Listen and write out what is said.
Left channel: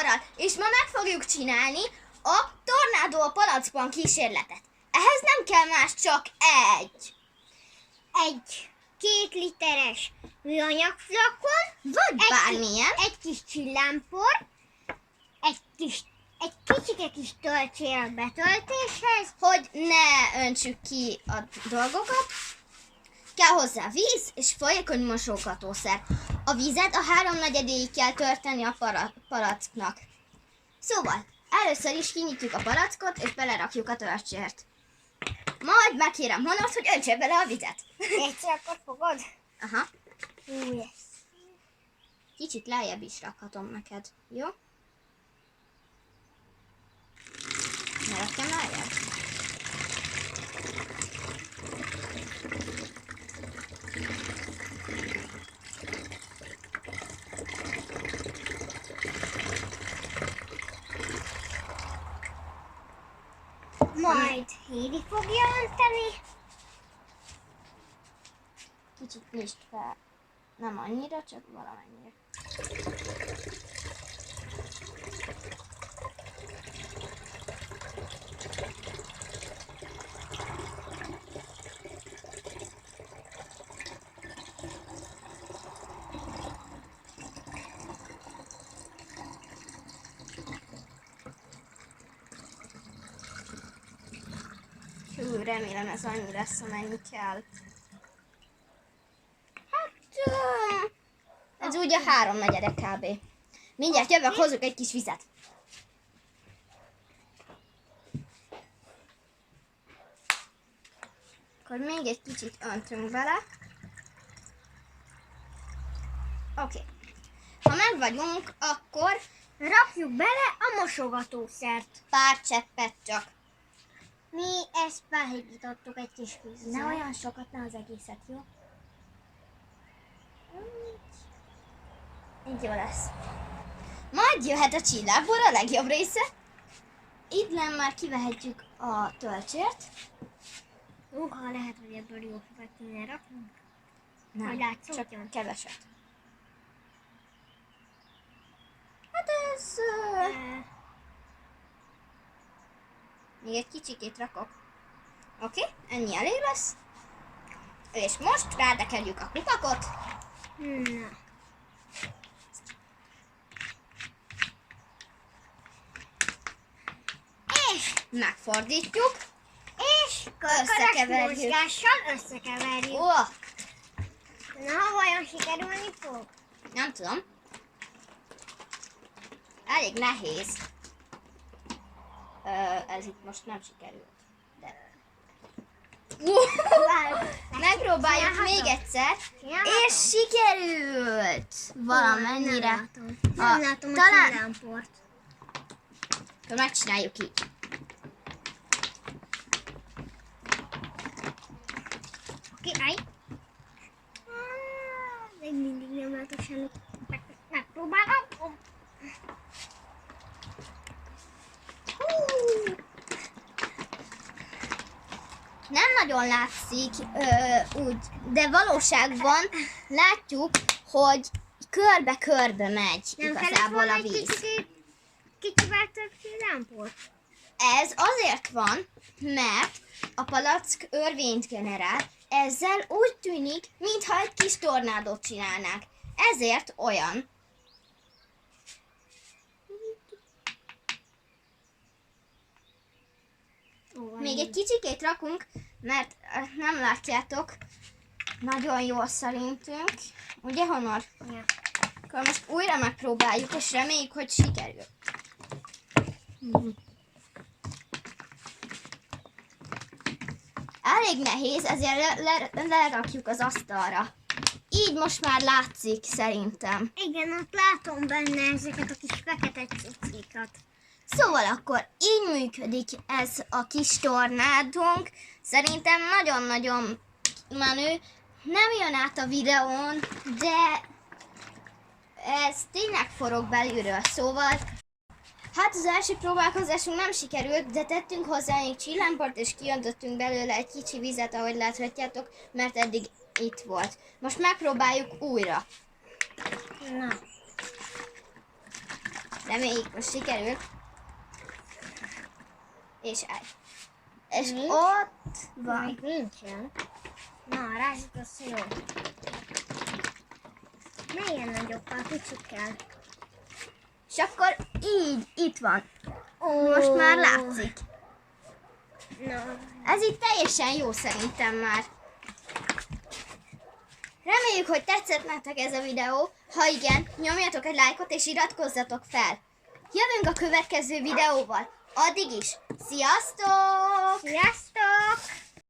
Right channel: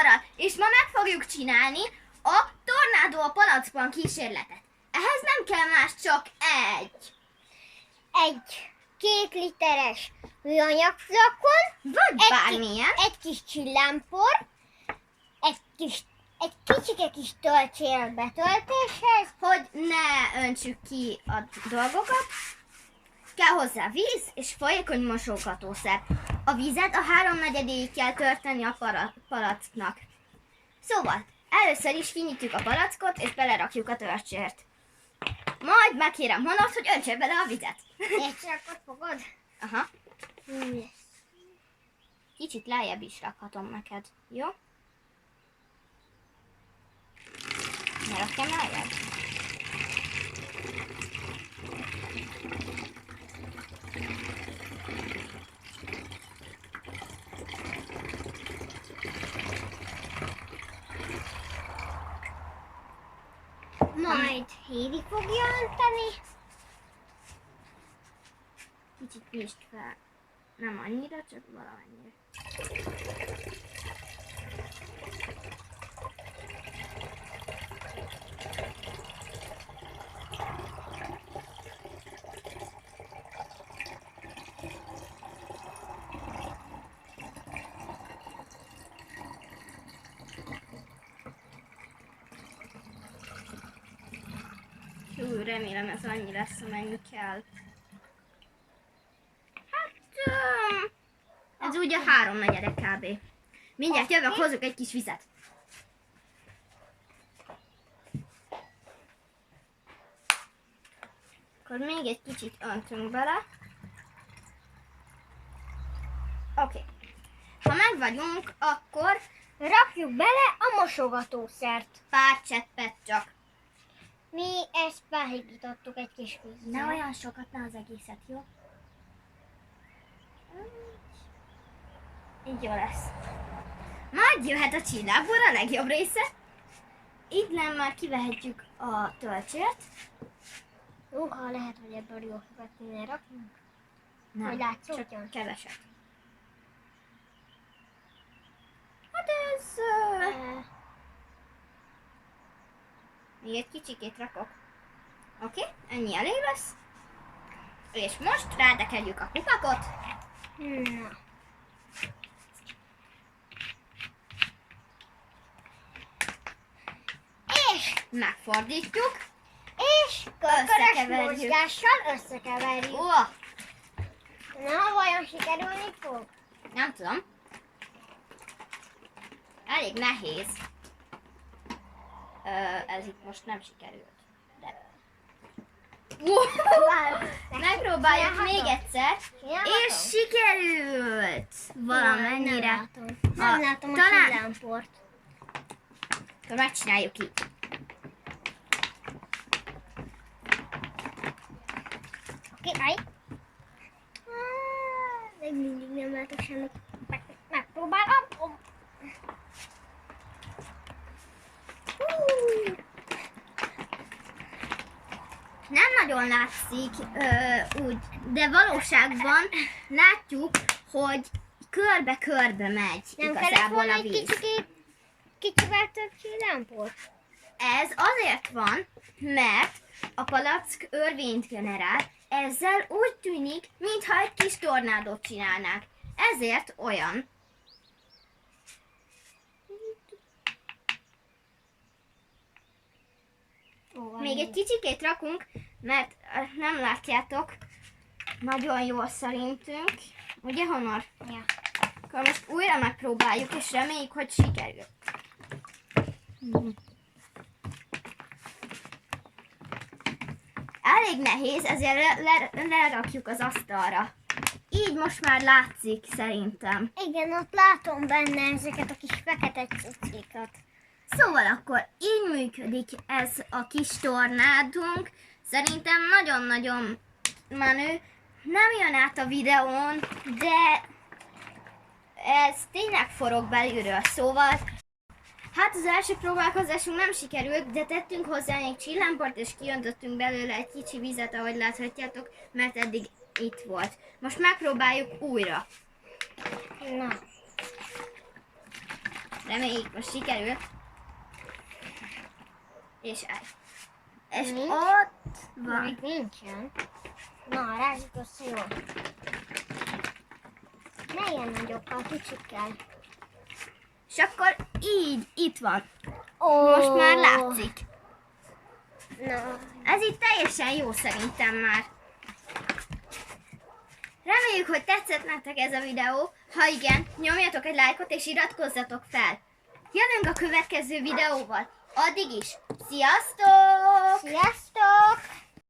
Honorral, és ma meg fogjuk csinálni a tornádó a palackban kísérletet. Ehhez nem kell más, csak egy 2 literes műanyag flakon, vagy bármilyen. Egy kis csillámpor, egy kicsike kis töltsér betöltéshez, Hogy ne öntsük ki a dolgokat, kell hozzá víz és folyékony mosogatószer. A vízet a 3/4-ig kell törteni a palacknak. Szóval, először is kinyitjuk a palackot és belerakjuk a töltsért. Majd megkérem Honort, hogy öntse bele a vizet. egyszer akkor fogod? Aha. Yes. Kicsit lejjebb is rakhatom neked, jó? Ne rakjam lejjebb? Majd Hédi fogja önteni. Kicsit nyisd fel. Nem annyira, csak valamennyire. Remélem ez annyi lesz, amennyi kell. Hát, ez ugye 3/4 kb. Mindjárt jövök, hozzuk egy kis vizet. Akkor még egy kicsit öntünk bele. Oké. Ha meg vagyunk, akkor Rakjuk bele a mosogatószert. pár cseppet csak. Mi ezt felhigítottuk egy kis vízzel. Ne olyan sokat, ne az egészet, jó? Így jó lesz. Majd jöhet a csillámpor, a legjobb része. Innen már kivehetjük a töltsért. Ha lehet, hogy ebből jó hüvet kéne raknunk. Nem, Hogy látszódjon? csak keveset. Hát ez... Még egy kicsikét rakok. Oké, ennyi elég lesz. És most rátekerjük a kupakot. Na. És Megfordítjuk. összekeverjük. Összekeverjük. Összekeverjük. Ó, Na, vajon sikerülni fog? nem tudom. Elég nehéz. Ez itt most nem sikerült. De... Megpróbáljuk még egyszer. És sikerült! Valamennyire. Nem látom a talán- csillámport. Akkor megcsináljuk így. Király. Még mindig nem látok semmit. Megpróbálom. Nem nagyon látszik úgy, de valóságban látjuk, hogy körbe-körbe megy igazából a víz. Kicsivel több csillámport? Ez azért van, mert a palack örvényt generál, ezzel úgy tűnik, mintha egy kis tornádót csinálnák. Ezért olyan. Még egy kicsikét rakunk, mert nem látjátok nagyon jól szerintünk. Ugye, Honor? Ja. Akkor most újra megpróbáljuk, és reméljük, hogy sikerül. Elég nehéz, ezért lerakjuk az asztalra. Így most már látszik szerintem. Igen, ott látom benne ezeket a kis fekete cucikat. Szóval akkor így működik ez a kis tornádunk. Szerintem nagyon-nagyon menő. Nem jön át a videón, de ez tényleg forog belülről. Szóval, hát az első próbálkozásunk nem sikerült, de tettünk hozzá egy csillámport, és kiöntöttünk belőle egy kicsi vizet, ahogy láthatjátok, mert eddig itt volt. Most megpróbáljuk újra. Na. Reméljük, most sikerül. És állj. És Nincs? ott van. Még nincsen. Na, rázsuk a sziló. Ne ilyen nagyokkal, kicsikkel. És akkor így, itt van. Ó, Most már látszik. Na, Ez itt teljesen jó szerintem már. Reméljük, hogy tetszett nektek ez a videó. Ha igen, nyomjatok egy lájkot és iratkozzatok fel. Jövünk a következő videóval. Addig is. Sziasztok! sziasztok!